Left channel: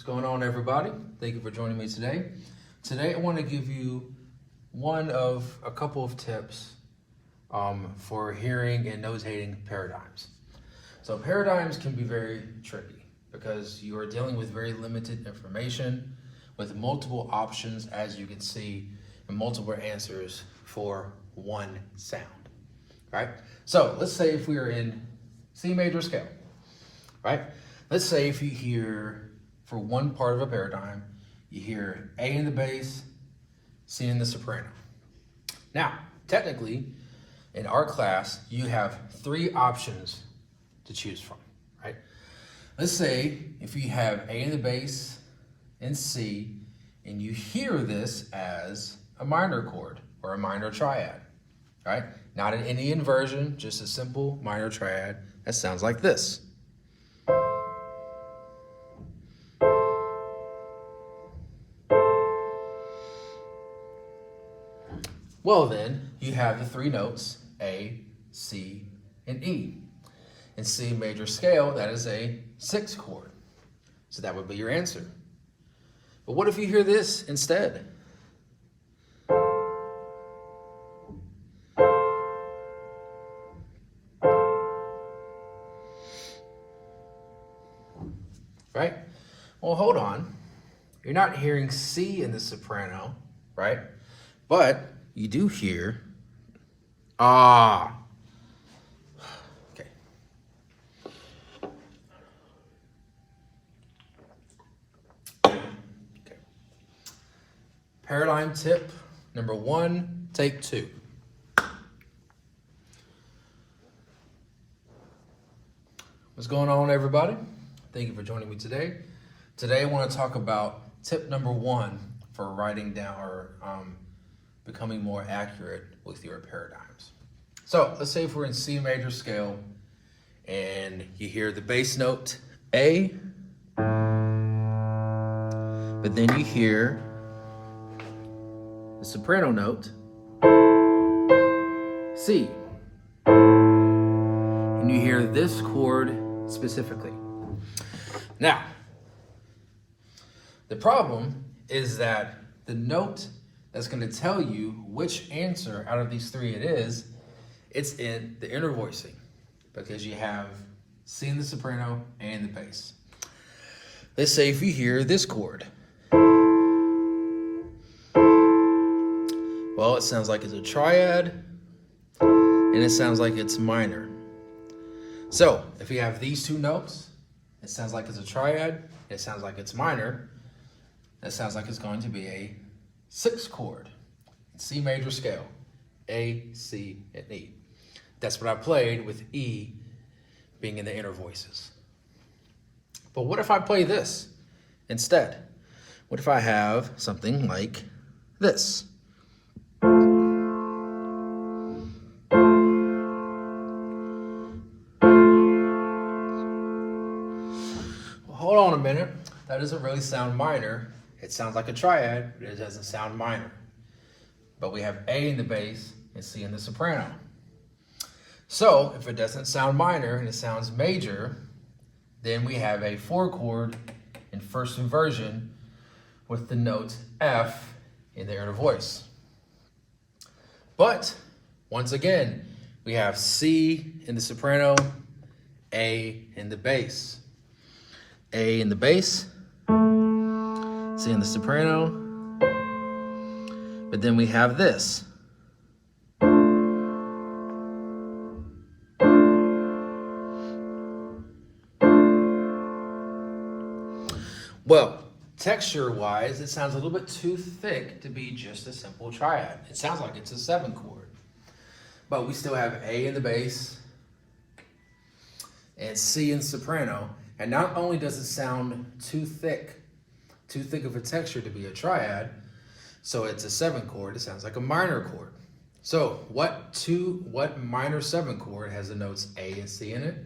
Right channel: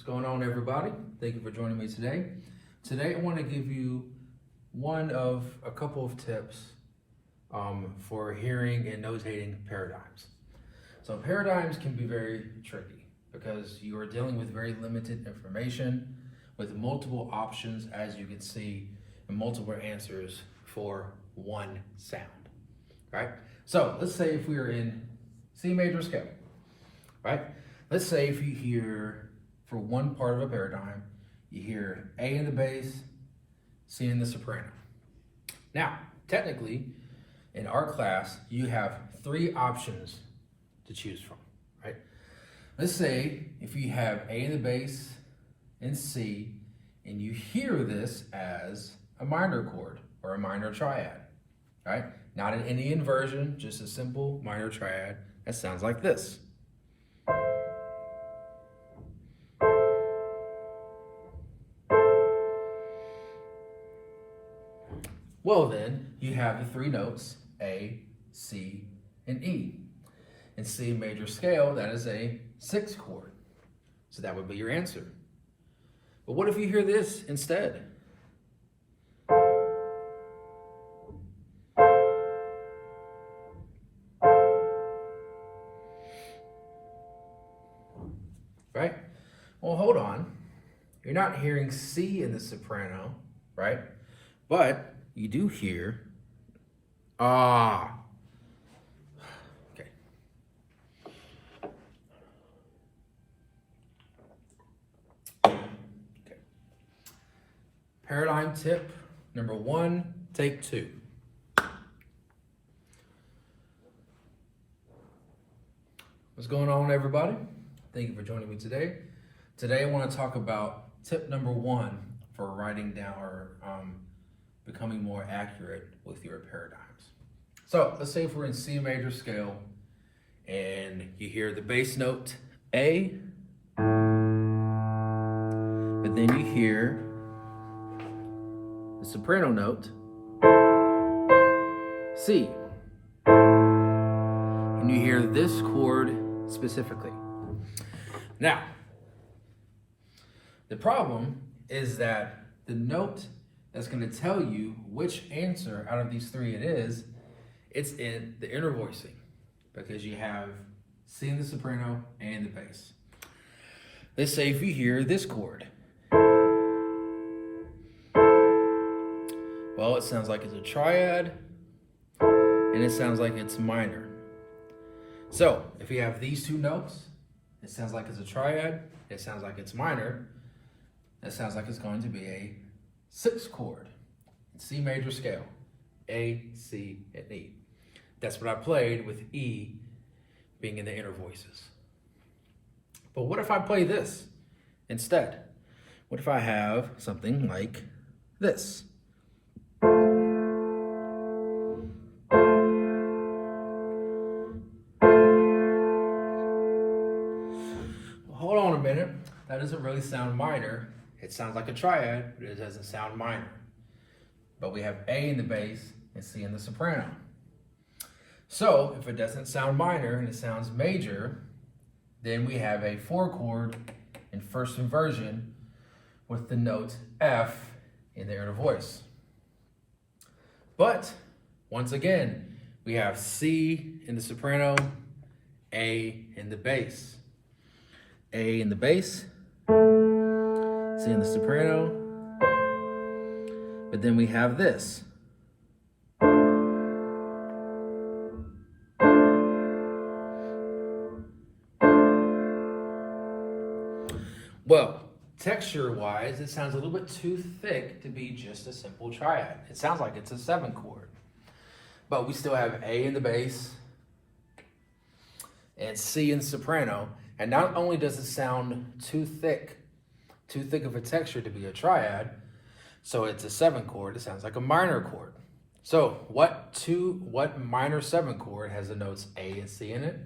What's going on, everybody? Thank you for joining me today. Today I want to give you one of a couple of tips for hearing and notating paradigms. So paradigms can be very tricky because you are dealing with very limited information with multiple options, as you can see, and multiple answers for one sound, right? So let's say if we are in C major scale, right? Let's say if you hear, for one part of a paradigm, you hear A in the bass, C in the soprano. Now, technically, in our class, you have three options to choose from, right? Let's say if you have A in the bass and C, and you hear this as a minor chord or a minor triad, right? Not in any inversion, just a simple minor triad that sounds like this. Well then, you have the three notes, A, C, and E. In C major scale, that is a 6 chord. So that would be your answer. But what if you hear this instead? Right? Well, hold on. You're not hearing C in the soprano, right? But you do hear ah. Okay. Paradigm tip number 1, take 2. What's going on, everybody? Thank you for joining me today. Today I want to talk about tip number 1 for writing down or becoming more accurate with your paradigms. So let's say if we're in C major scale and you hear the bass note A, but then you hear the soprano note C, and you hear this chord specifically. Now, the problem is that the note that's going to tell you which answer out of these three it is, it's in the inner voicing, because you have C in the soprano and in the bass. Let's say if you hear this chord. Well, it sounds like it's a triad, and it sounds like it's minor. So if you have these two notes, it sounds like it's a triad, it sounds like it's minor, it sounds like it's going to be a 6 chord in C major scale, A, C, and E. That's what I played with E being in the inner voices. But what if I play this instead? What if I have something like this? Well, hold on a minute. That doesn't really sound minor. It sounds like a triad, but it doesn't sound minor. But we have A in the bass and C in the soprano. So if it doesn't sound minor and it sounds major, then we have a 4 chord in first inversion with the note F in the inner voice. But once again, we have C in the soprano, A in the bass. A in the bass, C in the soprano, but then we have this. Well, texture-wise, it sounds a little bit too thick to be just a simple triad. It sounds like it's a 7 chord, but we still have A in the bass and C in the soprano. And not only does it sound too thick of a texture to be a triad, so it's a 7 chord, it sounds like a minor chord. So what minor 7 chord has the notes A and C in it?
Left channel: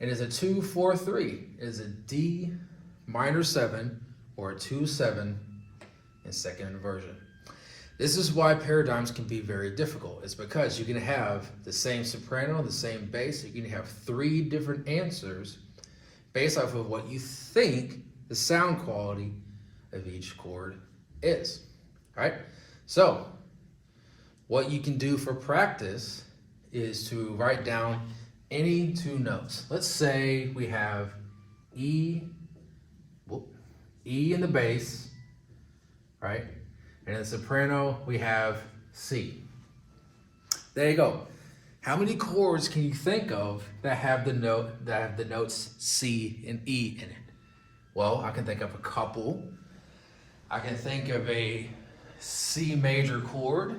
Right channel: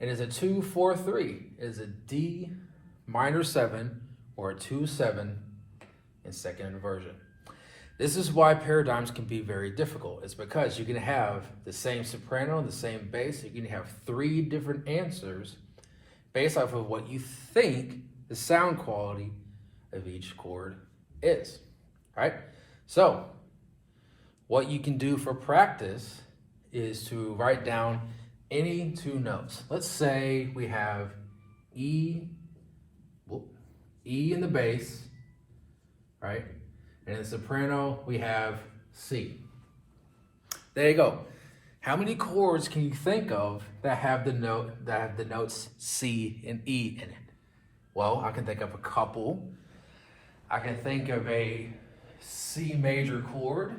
It is a 2-4-3. It is a D minor 7 or a 2-7 in second inversion. This is why paradigms can be very difficult. It's because you can have the same soprano, the same bass. You can have 3 different answers based off of what you think the sound quality of each chord is, right? So what you can do for practice is to write down any two notes. Let's say we have E in the bass, right? And in the soprano, we have C. There you go. How many chords can you think of that have the notes C and E in it? Well, I can think of a couple. I can think of a C major chord,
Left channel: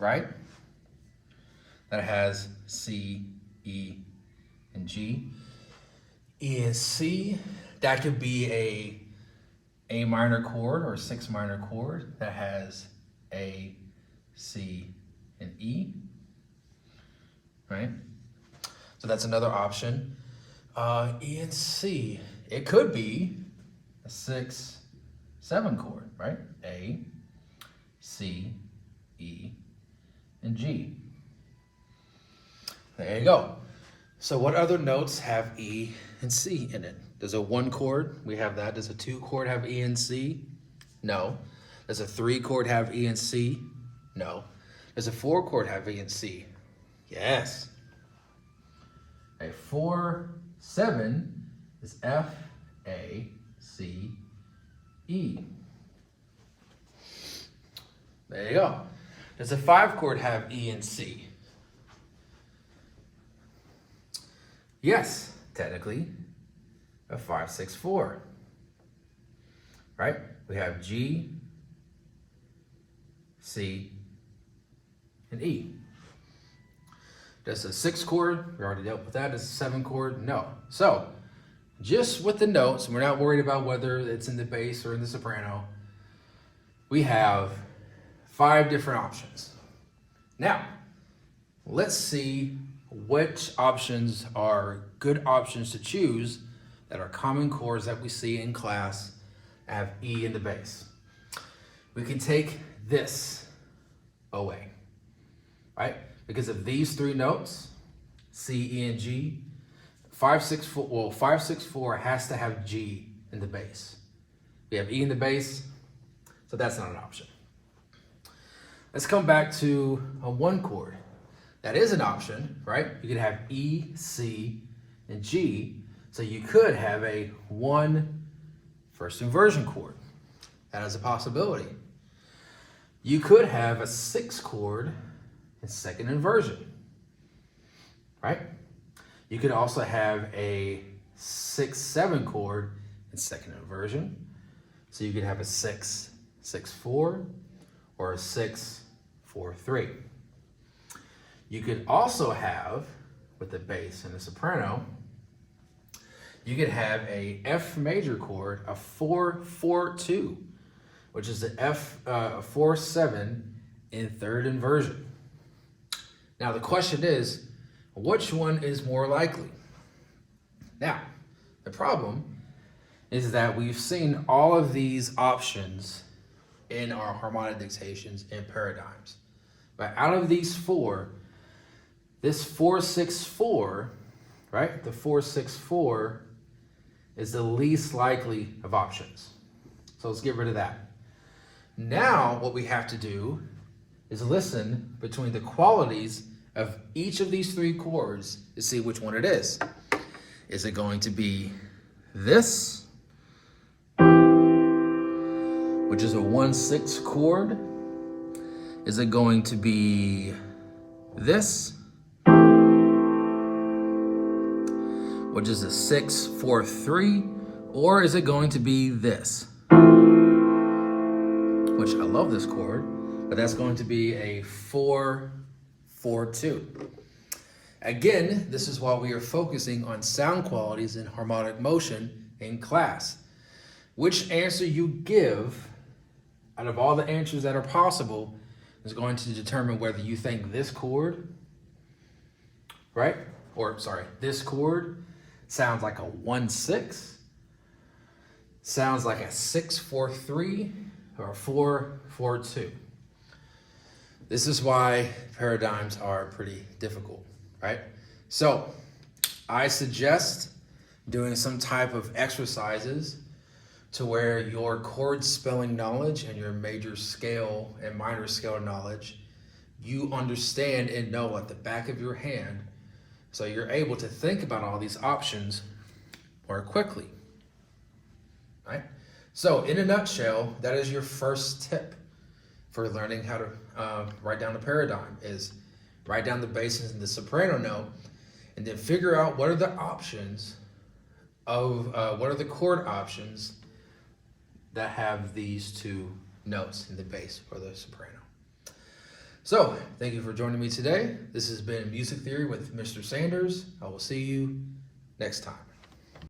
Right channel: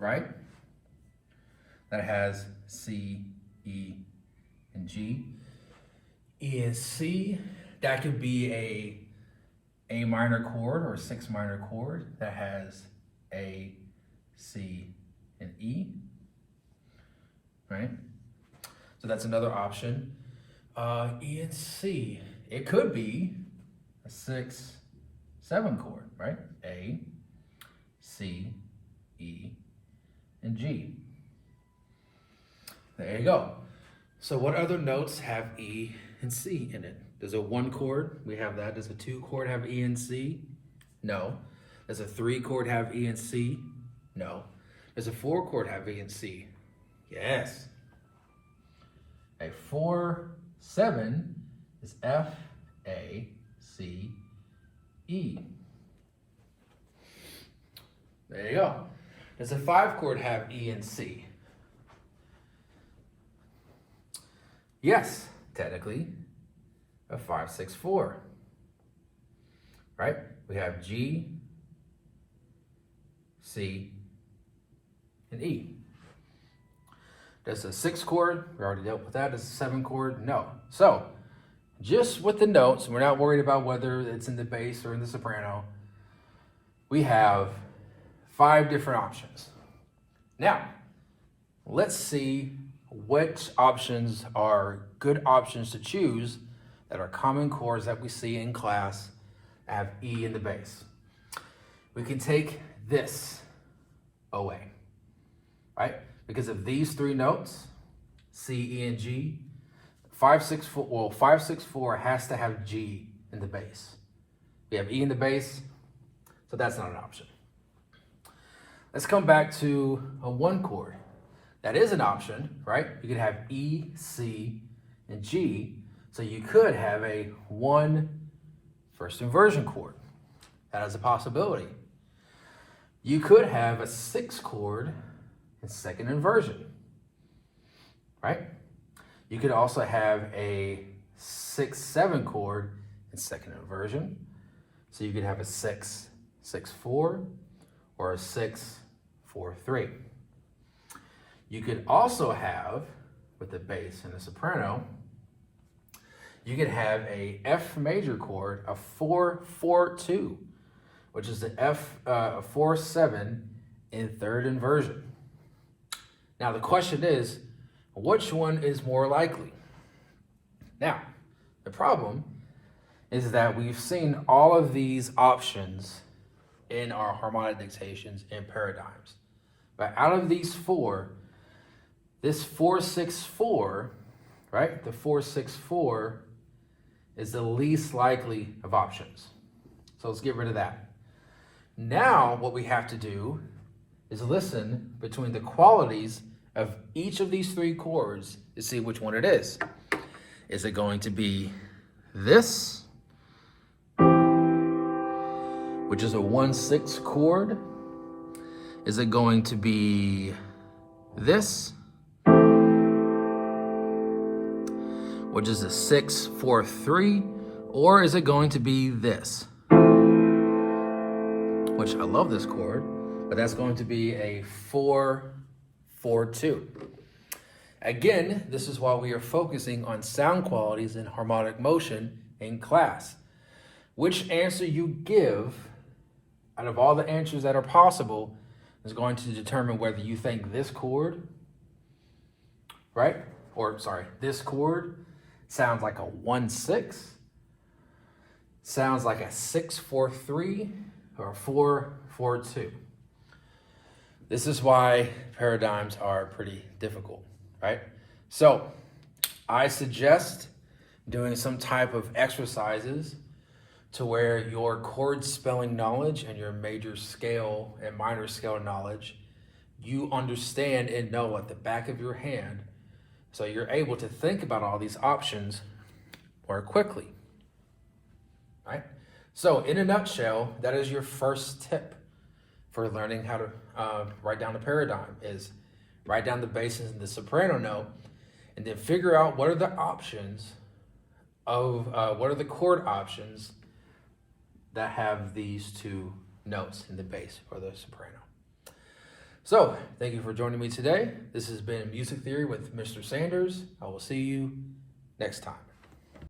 right? That has C, E, and G. E and C, that could be A minor chord or a 6 minor chord that has A, C, and E, right? So that's another option. E and C, it could be a 6, 7 chord, right? A, C, E, and G. There you go. So what other notes have E and C in it? Does a 1 chord, we have that. Does a 2 chord have E and C? No. Does a 3 chord have E and C? No. Does a 4 chord have E and C? Yes. A 4, 7 is F, A, C, E. There you go. Does a 5 chord have E and C? Yes, technically, a 5, 6, 4, right? We have G, C, and E. Does a 6 chord, we already dealt with that. Does a 7 chord? No. So, just with the notes, we're not worried about whether it's in the bass or in the soprano. We have 5 different options. Now, let's see which options are good options to choose that are common chords that we see in class have E in the bass. We can take this away, right? Because of these 3 notes, C, E, and G, 5, 6, 4, well, 5, 6, 4 has to have G in the bass. We have E in the bass, so that's not an option. Let's come back to a 1 chord. That is an option, right? You could have E, C, and G. So you could have a 1 first inversion chord. That is a possibility. You could have a 6 chord in second inversion, right? You could also have a 6, 7 chord in second inversion. So you could have a 6, 6, 4, or a 6, 4, 3. You could also have, with the bass and the soprano, you could have a F major chord, a 4, 4, 2, which is the F 4, 7 in third inversion. Now the question is, which one is more likely? Now, the problem is that we've seen all of these options in our harmonic dictations and paradigms. But out of these 4, this 4, 6, 4, right? The 4, 6, 4 is the least likely of options. So let's get rid of that. Now what we have to do is listen between the qualities of each of these 3 chords to see which one it is. Is it going to be this, which is a 1, 6 chord? Is it going to be this, which is a 6, 4, 3, or is it going to be this, which I love this chord, but that's going to be a 4, 4, 2. Again, this is why we are focusing on sound qualities and harmonic motion in class. Which answer you give out of all the answers that are possible is going to determine whether you think this chord, right? Or sorry, this chord sounds like a 1, 6, sounds like a 6, 4, 3, or a 4, 4, 2. This is why paradigms are pretty difficult, right? So I suggest doing some type of exercises to where your chord spelling knowledge and your major scale and minor scale knowledge, you understand and know at the back of your hand, so you're able to think about all these options more quickly, right? So in a nutshell, that is your first tip for learning how to write down a paradigm, is write down the bases in the soprano note, and then figure out what are the options of, what are the chord options that have these two notes in the bass or the soprano. So, thank you for joining me today. This has been Music Theory with Mr. Sanders. I will see you next time.